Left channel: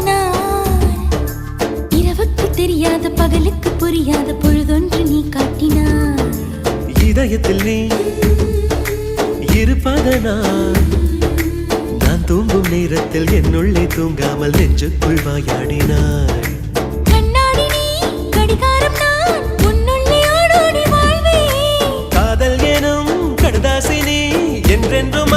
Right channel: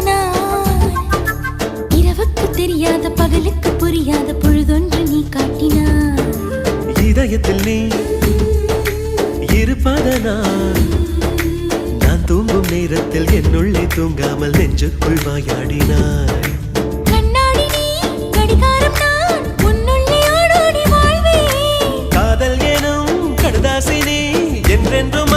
நான் இரவுக்கு தெரியாத பகலுக்கு புரியாத பொழுதொன்று நீ காட்டினாய். இதயத்தில் நீ இருப்பதனால் நான் தூங்கும் நேரத்தில் என்னுள்ளே தூங்காமல் நெஞ்சுக்குள் வாயாடினாய். கண்ணாடி நீ காதல் எனும் கடுதாசினி என்றென்றும்